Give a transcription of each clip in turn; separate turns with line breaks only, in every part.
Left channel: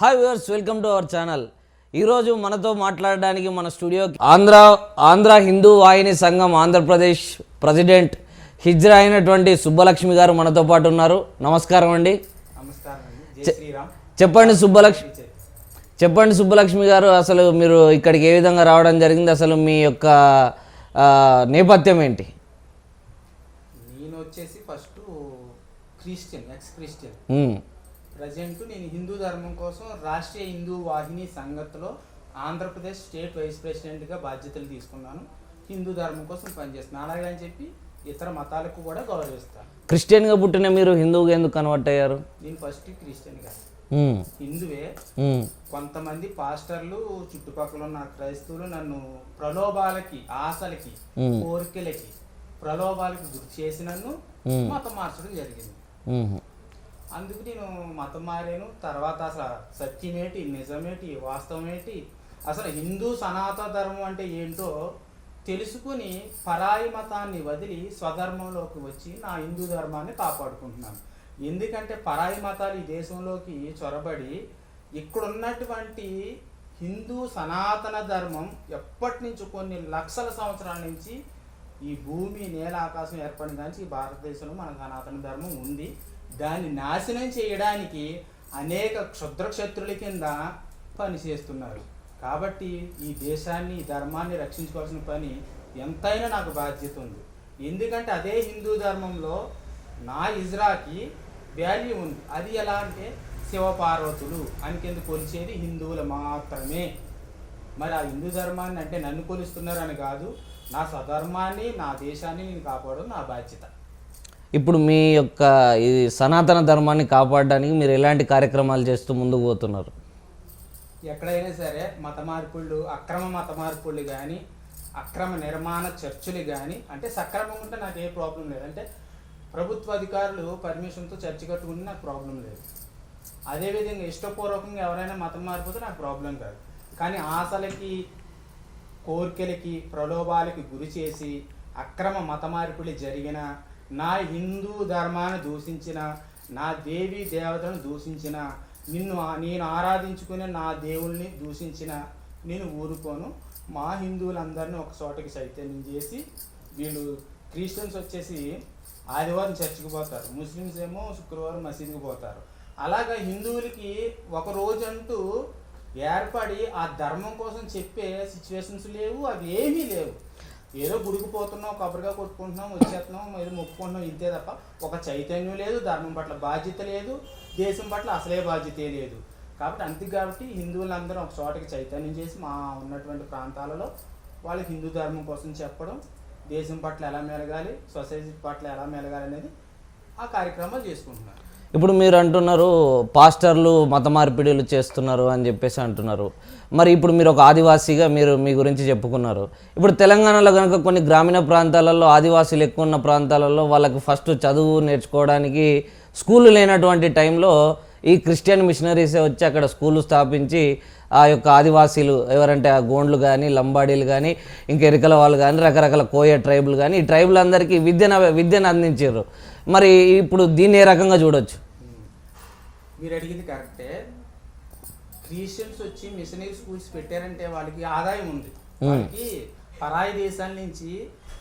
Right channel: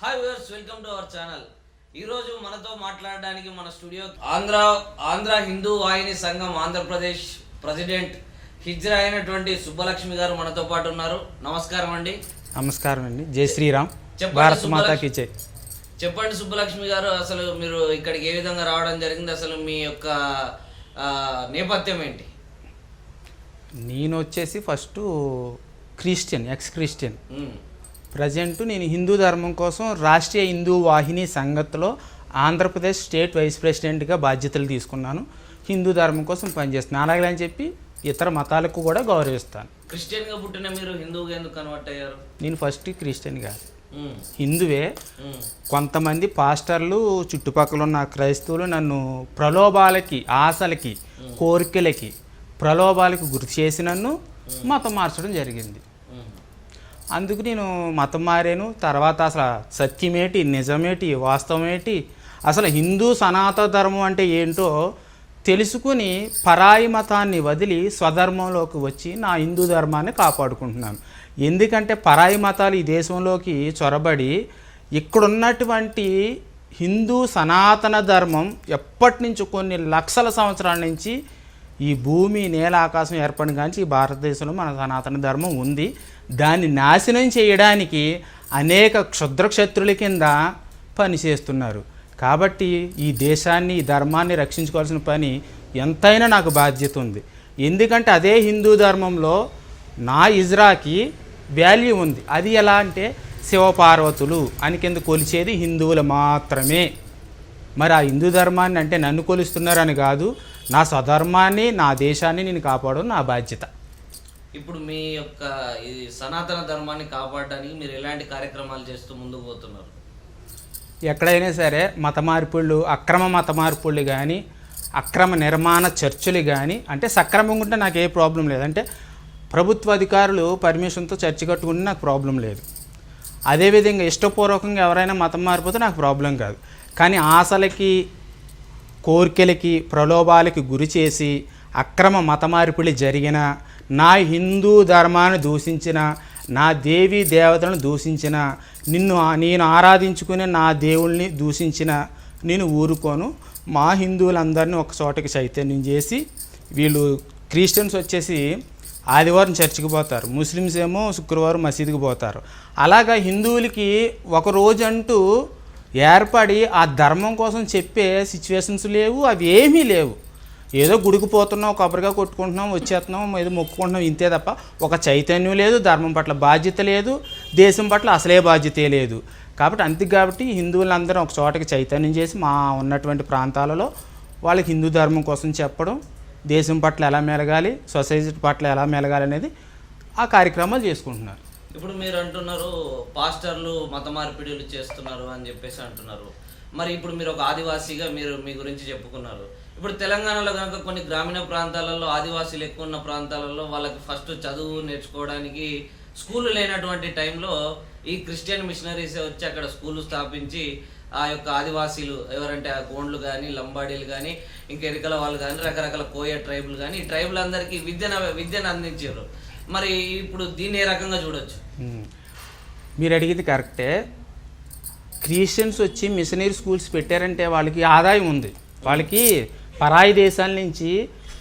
Hi viewers welcome to our channel ఈరోజు మనతో మాట్లాడడానికి మన స్టూడియో ఆంధ్ర ఆంధ్ర హిందూ వాహిని సంఘం ఆంధ్రప్రదేశ్ ప్రెసిడెంట్ హిజ్రా అయినటువంటి సుబ్బలక్ష్మి గారు మనతో పాటు ఉన్నారు. నమస్కారం అండి.
నమస్కారం అండి. జై శ్రీరామ్.
చెప్పండి సుబ్బలక్ష్మి. చెప్పండి సుబ్బలక్ష్మి గారు అసలు మీరు ఇక్కడికి ఏ విధంగా రావడం జరిగింది? అసలు మీ యొక్క నేపథ్యం ఏంటి?
నేను వచ్చేసి first Christian ex Christian present నేను హిందూ ధర్మం కోసం రాష్ట్రీయ హిందూ వాహిని సంగతిలో ఆంధ్రప్రదేశ్ స్టేట్ వైస్ ప్రెసిడెంట్గా బాధ్యతలు తీసుకున్నాను. హిందూ ధర్మం కోసం పనిచేస్తున్నాను. అలాగే అని చెప్పి ఇతర మతాలకు కూడా గౌరవిస్తాను.
క్రిస్టియన్గా పుట్టిన మీరు హిందువుగా ఎందుకు కన్వర్ట్ అయ్యారు?
నేను ఫస్ట్ క్రిస్టియన్ కాదు
ఉమ్,
హిందువే కొంతమంది పాస్టర్లు చుట్టుపక్కల ఉన్న క్రైస్తవులు నన్ను ప్రలోభాలకి ఆశలకి కోరికలకి ప్రలోభాలకి గురి చేసి నన్ను మతం మార్చడం జరిగింది. అందుకు నేను మతం మారాను. తర్వాత అసలు సత్యమేటి నిజమేటి వాస్తవమేటి అసలు హిందూ సనాతన ధర్మం అంటే ఏంటో తెలుసుకుని పరాయి మతాన్ని వదిలి స్వధర్మంలోకి వచ్చి నా హిందూ ధర్మాన్ని కాపాడుకుంటున్నాను. ఎందుకంటే పరాయి మతాలు ఈ దేశంలోకి చొరబడి ఇక్కడున్నటువంటి హిందూ సనాతన ధర్మం ఎప్పటి నుంచి కొన్ని లక్షల సంవత్సరాల నుంచి ఈ భూమి నేల ఆకాశం ఏర్పడిన కానీ ఈ భారతదేశంలో మన సనాతన ధర్మం ఉంది. దాన్ని నాశనం చేయడానికి అనేక క్షుద్ర క్షత్రుల కింద పనిచేస్తున్నారు. కాబట్టి ఈ దేశాన్ని ఈ ధర్మాన్ని రక్షించుకోవాల్సిన పని ఎంతైనా నాకు బాధ్యత ఉంది. ఎందుకంటే అదే హిందూ ధర్మంలో నా ఇజ్రాకి వాల్యూ ఉంది. అది ఎలా అంటే శివపార్వతులు అని కింద కొలిచేది హిందువులు మాత్రమే. మరి ఆ హిందూ ధర్మాన్ని అంటే నన్ను కొలుస్తున్నారని కాదు నా స్వధర్మాన్ని నా దేశాన్ని నేను కాపాడడం నా బాధ్యత.
ఇప్పుడు మీ యొక్క ఈ సనాతన ధర్మాన్ని కాపాడడానికి మీరు ఎలాంటి కార్యక్రమాలు చేస్తూ ముందుకు పోతున్నారు?
ఎక్కడైనా సరే మత మార్పుళ్ళు అక్రమ మత మార్పుళ్ళు కానీ అక్రమ నిర్మాణ చర్చలు కానీ అంటే సక్రమంగా ఉంటే నాకు ఏ ప్రాబ్లం లేదు. అంటే ప్రభుత్వ అధికారులు పర్మిషన్తో చర్చ కట్టుకుంటే నాకు ప్రాబ్లం లేదు. అదేవిధంగా ఇష్టపూర్వకంగా ఎవరైనా మతం మారిపోతే నాకు ప్రాబ్లం కాదు. కానీ ఆశలకి కోరికలకి ప్రలోభాలకి గురి చేసి అక్రమ మత మార్పిడి జరిగిన నా హిందూ ధర్మాన్ని దూషించిన నా దేవి దేవతలను దూషించిన నిన్ను నేను ఆరాధించుకునే నా దేవుల్ని దూషించిన నేను ఊరుకోను. మా హిందువులందరినీ ఒక చోటకి చైతన్యం చేసి వీళ్ళు క్రిస్టియన్స్ వచ్చేసి ఆదివారం చర్చికి పోతారు. ముస్లిమ్స్ ఏమో శుక్రవారం మసీదుకి పోతారు. అలాగా హిందువులకి ఒక రోజు అంటూ ఏర్పడి ఆ ధర్మం కోసం చెప్పే సిచ్యువేషన్స్ లేవు అవి ఏమీ లేవు. ఏదో గుడికి పోతున్నాం కొబ్బరిగా కొట్టుకుంటున్నాం వచ్చేస్తున్నాం ఏదో మొక్కుకుంటున్నాం ఇంతే తప్ప ఒక చైతన్యం లేదు ధర్మం పట్ల బాధ్యత లేదు దేశం పట్ల అసలే బాధ్యతే లేదు. కాబట్టి అంతే కాబట్టి హిందువులందరూ ఒక చోటకి చైతన్యం చేసి మా ఉన్నటువంటి ప్రాంతాలలో వాళ్ళకి హిందూ ధర్మం కోసం చెప్పడం దేశం పట్ల ఎలా మెలగాలి సొసైటీ పట్ల ఎలా మెలగాలి అనేది ఆ కార్యక్రమాలు చేసుకుంటున్నారు.
ఇప్పుడు మీరు అంటున్నారు పాస్టర్లు మత మార్పిడిలు చేస్తున్నారు అని చెప్పేసి అంటున్నారు. మరి ఇప్పుడు మీరు ఒక ఆదివాసీగా మీరు మీ గురించి చెప్పుకున్నారు. ఇప్పుడు తెలంగాణలో కనుక కొన్ని గ్రామీణ ప్రాంతాలలో ఆదివాసీలు ఎక్కువ ఉన్న ప్రాంతాలలో వాళ్ళకి ఫస్ట్ చదువు నేర్చుకోవడానికి స్కూలు లేనటువంటి టైంలో ఈ క్రిస్టియన్ మిషనరీసే వచ్చి అక్కడ స్కూలు స్థాపించి ఆ యొక్క ఆదివాసీలు ఎవరంటే ఆ గోండ్లు కానీ లంబాడీలు కానీ ఇంక ఎరికల వాళ్ళు కానీ రకరకాల కోయ ట్రైబుల్ కానీ ఈ ట్రైబుల్ అందరికీ విద్యను విద్యను అందించారు. మరి ఇప్పుడు దీన్ని ఏ రకంగా చూడొచ్చు?
మీరు అడిగింది కరెక్టే. క్రిస్టియన్స్ వచ్చి మిషనరీ స్కూల్స్ పెట్టారంటే వాళ్ళకి ఆదాయం ఉంది. వాళ్ళకి పరాయి దేశాల నుంచి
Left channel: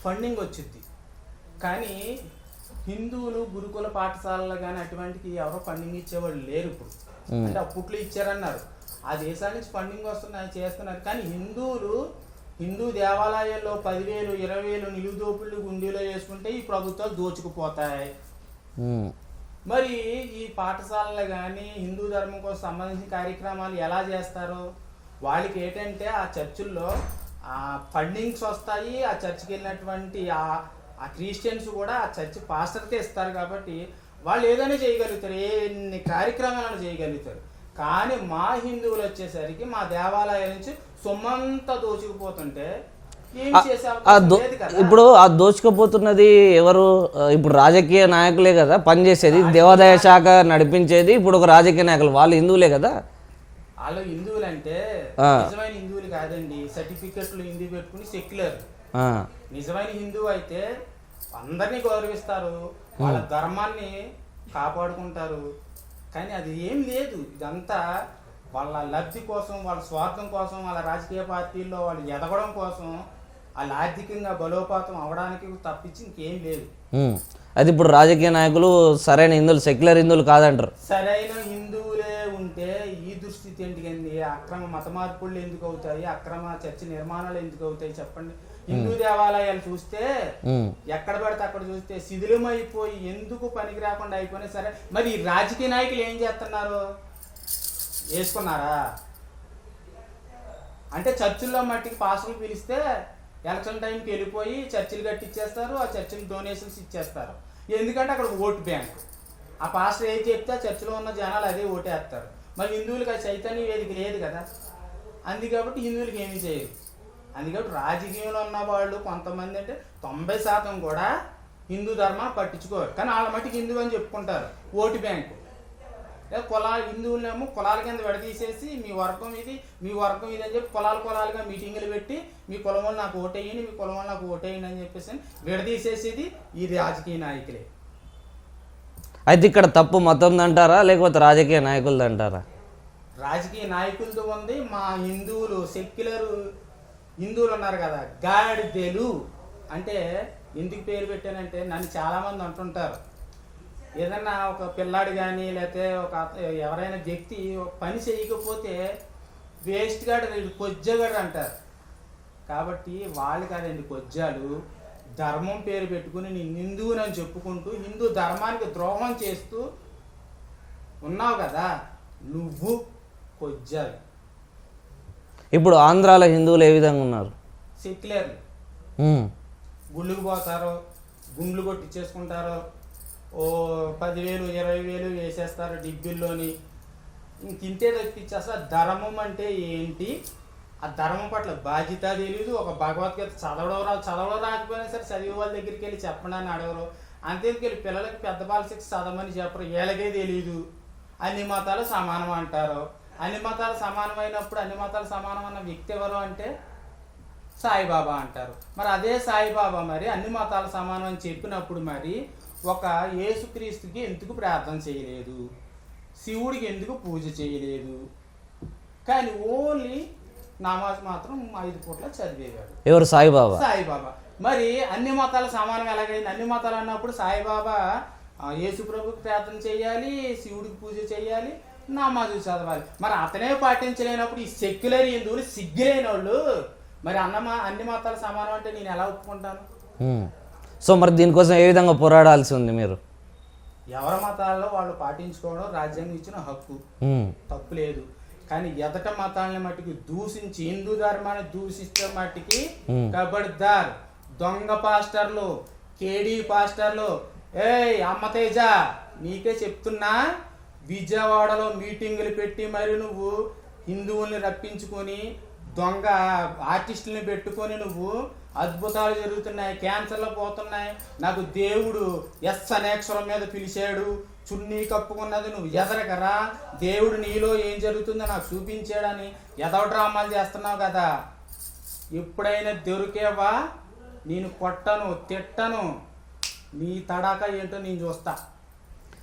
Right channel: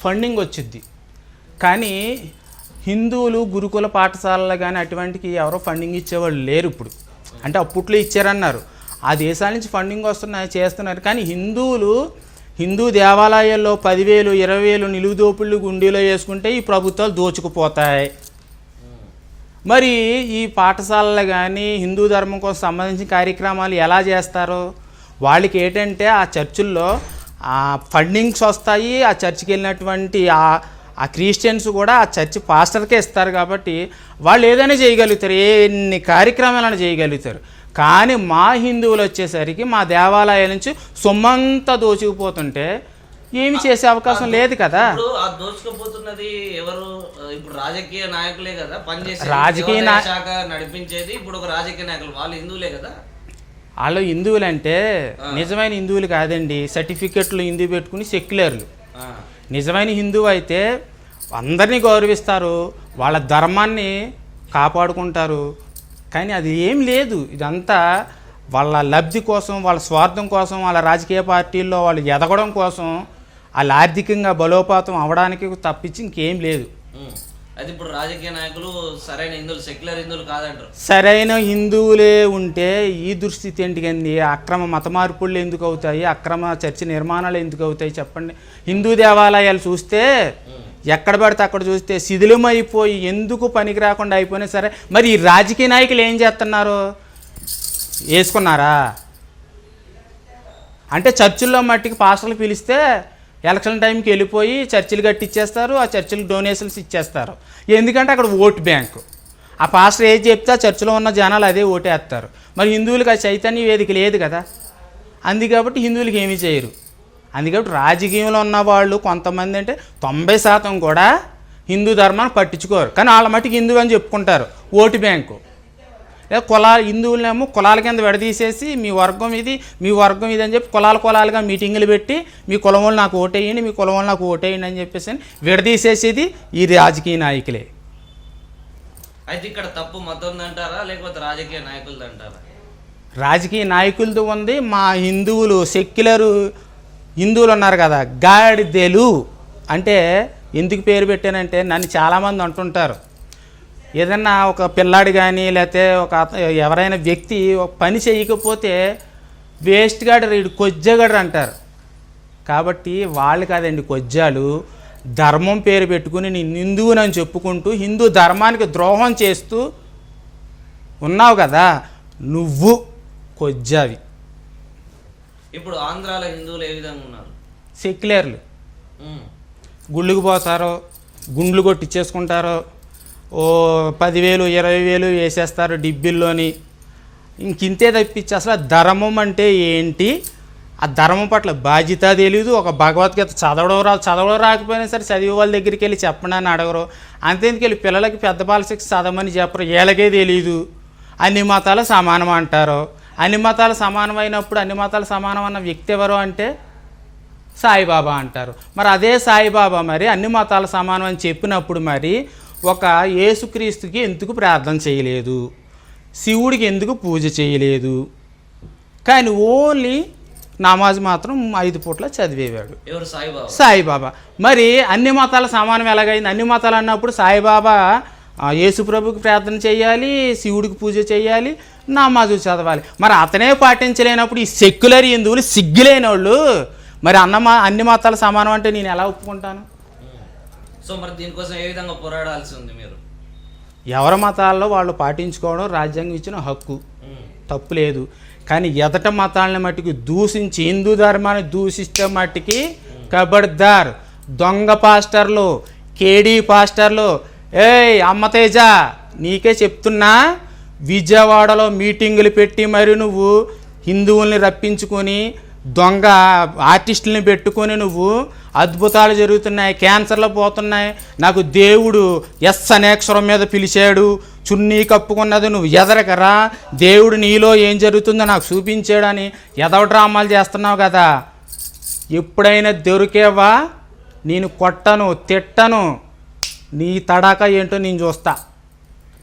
ఫండింగ్ వచ్చింది కానీ హిందువులు గురుకుల పాఠశాలలు కానీ అటువంటికి ఎవరో ఫండింగ్ ఇచ్చేవాళ్ళు లేరు ఇప్పుడు. అంటే అప్పట్లో ఇచ్చారన్నారు. ఆ దేశాల నుంచి ఫండింగ్ వస్తున్నాయి చేస్తున్నారు. కానీ హిందువులు హిందూ దేవాలయాల్లో పదివేలు ఇరవై వేలు నిలువు దోపుళ్ళు గుండీలో వేసుకుంటే ఈ ప్రభుత్వాలు దోచుకుపోతాయి. మరి ఈ పాఠశాలలు కానీ హిందూ ధర్మం కోసం సంబంధించిన కార్యక్రమాలు ఎలా చేస్తారు? వాళ్ళకి ఏంటంటే ఆ చర్చిల్లో ఆ ఫండింగ్స్ వస్తాయి. ఆ చర్చికి వెళ్ళినటువంటి ఆ ఆ క్రిస్టియన్స్ కూడా ఆ చర్చి పాస్టర్కే ఇస్తారు కాబట్టి వాళ్ళు ఏదైనా చేయగలుగుతారు. ఎన్ని కార్యక్రమాలను చేయగలుగుతారు. కానీ మా హిందువులు వచ్చేసరికి మా దేవాలయాల నుంచి సొమ్మంతా దోచుకుపోతుంటే ఏమి చేసే అవకాశం లేదు కదా.
ఇప్పుడు ఆ దోచుకపోతున్నది ఎవరు? ఇప్పుడు రాజకీయ నాయకులే కదా పనిచేసేది. దేవాదాయ శాఖ నడిపించేది ఇప్పుడు ఒక రాజకీయ నాయకులు. వాళ్ళు హిందువులే కదా?
వాళ్ళు హిందువులు అంటే నిజమైన హిందువులు కాదండి. సర్టిఫికెట్లు హిందూ పెట్టుకుని సెక్యులర్లు. నిజమైన హిందువు అయితే అందరినీ గౌరవిస్తారు. వాళ్ళ ధర్మాన్ని కాపాడుకుంటారు. కానీ అది ఏం లేదు. ఇదంతా వాళ్ళ లబ్ధి కోసం వాళ్ళ స్వార్థం కోసం వాళ్ళ రాజకీయ పార్టీల్లో వాళ్ళు ఎదగడం కోసం వాళ్ళు ఆర్థికంగా బలోపాతం అవడానికి తప్పించి ఇంకేం లేదు.
అది ఇప్పుడు రాజకీయ నాయకులు సరైన హిందువులు సెక్యులర్ హిందువులు కాదంటారు.
సరైన హిందువులే ఉంటే ఈ దుస్థితి ఏంటికండి అక్రమ మత మార్పులు ఎందుకు అవుతాయి? అక్రమ చర్చి నిర్మాణాలు ఎందుకు అవుతాయి చెప్పండి. హిందూ దేవాలయాలు చూస్తే. ఎక్కడ పడితే అక్కడ చూస్తే శిథిలమైపోయి ఎందుకు పనికి రాకుండా అయిపోయినా సరే మరి ఈ రాజకీయ నాయకులు ఏం చేస్తున్నారు? వేసుకున్నారా? అంటే చర్చిల్లో మట్టికి పాస్టర్లు పిలిస్తే ఎలక్షన్ టైంకి వెళ్ళిపోయి చర్చిలు కట్టిచ్చేస్తారు ఆ చర్చిలకు డొనేషన్స్ ఇచ్చేస్తారు. ఎందుకంటే అక్కడ ఓటు బ్యాంకు. ఆ పాస్టర్ ఏది చెప్తే ఆ చర్చిలో ఉన్న జనాలు అదే ఓటేస్తారు. మరి హిందువులకు ఆ చైతన్య వేదిక లేదు కదా. అంది కాబట్టి హిందువులకు ఏమీ చేయరు. అందుకబట్టి రాజకీయంలో ఉన్న వాళ్ళు కొంతమంది అంటే తొంభై శాతం కూడా హిందూ ధర్మాన్ని పట్టించుకోరు. కానీ వాళ్ళ మట్టుకు హిందూ అని చెప్పుకుంటారు. Vote bank. లేదా కులాలు హిందువులనేమో కులాల కింద విడదీసేసి మీ వర్గం ఇది మీ వర్గం ఇది అని చెప్పి కులాల కులాలుగా మీటింగులు పెట్టి మీ కులం వాళ్ళు నాకు ఓటేయండి మీ కులం వాళ్ళు నాకు ఓటేయండి అని చెప్పేసి అని విడదీసేసేది ఈ రాజకీయ నాయకులే.
అయితే ఇక్కడ తప్పు మతం అంటారా లేకపోతే రాజకీయ నాయకులది అంటారా
రాజకీయ నాయకులతో ఉంది మా హిందువులు సెక్యులరు హిందువులు ఉన్నారు కదా గాడిదెలు. అంటే ఎందుకు పేరు పెట్టానంటే నన్ను చాలామంది అంటుంటారు. ఏదన్నా ఒక పిల్లాడు కానీ లేకపోతే ఒక ఎవరైనా వ్యక్తి ఒక పని చేయకపోతే వేస్ట్ గాడు వీడు కొజ్జగాడు అంటారు. కాబట్టి వాళ్ళు కాదండి కొజ్జాలు. ధర్మం పేరు పెట్టుకుని నేను హిందువునని చెప్పుకుంటూ హిందూ ధర్మానికి ద్రోహం చేస్తూ ఉన్నావు కదా నువ్వు కొజ్జావి.
ఇప్పుడు ఆంధ్రాలో హిందువులు ఏ విధంగా ఉన్నారు?
సెక్యులర్లు. గుళ్ళుకు పోతారో గుండ్లు కొట్టిచ్చేసుకుంటారో ఓ పదివేలు ఇరవై వేలు వేసేస్తారు డిబ్బిల్లోని. ఇంకింతే తప్పించి అసలు ఆ ధర్మం అంటే ఏంటి? ఆ ధర్మం పట్ల బాధ్యత తెలియదు ఒక భగవద్గీత చదవడం రా చదవడం రాకపోయినా సరే చదివే వాళ్ళ దగ్గరికి వెళ్ళి చెప్పండి అని అడగరు. అంతేందుకు వెళ్ళి పిల్లలకి పెద్ద బాల చదవమని చెప్పరు. వీళ్ళకే తెలియదు అన్ని మతాలు సమానం అంటారు. అన్ని మతాలు సమానమైనప్పుడు అన్ని మతాలు సమానం అన్న వ్యక్తి ఎవరు అంటే? సాయిబాబా అంటారు. మరి అదే సాయిబాబా మరి అన్ని మతాల సమానం అని చెప్పినప్పుడు మరి ఒక యేసుక్రీస్తుకి ఎందుకు ప్రార్థన చేయలేదు? శివుడికి ఎందుకు పూజ చేయలేదు? కానీ ఓన్లీ నమాజ్ మాత్రం ఐదు పూట్ల చదివేవాడు.
ఎవరు? సాయిబాబా.
సాయిబాబా. మరి అన్ని మతాల సమానం ఎలాగైంది? అన్ని మతాలు అన్నప్పుడు సాయిబాబా ఆ, యేసుప్రభుకి ప్రార్థన చేయాలి శివుడికి పూజ చేయాలి నమాజు చదవాలి. మరి అతనే పాటించలేనప్పుడు ఈ సెక్యులర్ హిందువులు సిగ్గులేని వాళ్ళు మరి అన్న అన్ని మతాల సమానం అంటే నేను ఎలా ఒప్పుకుంటాను.
సో మరి దీనికోసం ఏ విధంగా పోరాడాల్సి ఉంది మీరు?
ఎవరి మతాల్లో వాళ్ళు పాటించుకోవడం రాజ్యాంగం ఇచ్చిన హక్కు. తప్పు లేదు. కానీ ఎదట మతాలని మట్టికి దూషించి హిందూ ధర్మాన్ని దూషిస్తే మట్టికి కబడ్దార్ దొంగ పాస్టర్లు కేడీ పాస్టర్లు ఏయ్ అమ్మతేజ నీకే చెప్తున్నా విజయవాడలో మీటింగులు పెట్టి మరి నువ్వు హిందువుల్ని రప్పించుకొని దొంగ ఆర్టిస్టుల్ని పెట్టుకొని నువ్వు అద్భుతాలు జరుగుతున్నాయి క్యాన్సర్లు పోతున్నాయి. నాకు దేవుడు ఎస్ అనేక్షరం మీద పిలిచాడు. చున్నీ కప్పుకున్నది నువ్వు ఎదరకరా? దేవుడు నీలో ఏం జరుగుతుందో నాకు చూపించాడని ఎదవ డ్రామాలు చేస్తున్నావు కదా. ఎప్పుడైనా దొరికేవా? నేను కొట్టను తిట్టను. నీ తడాక ఏంటో నేను చూస్తా.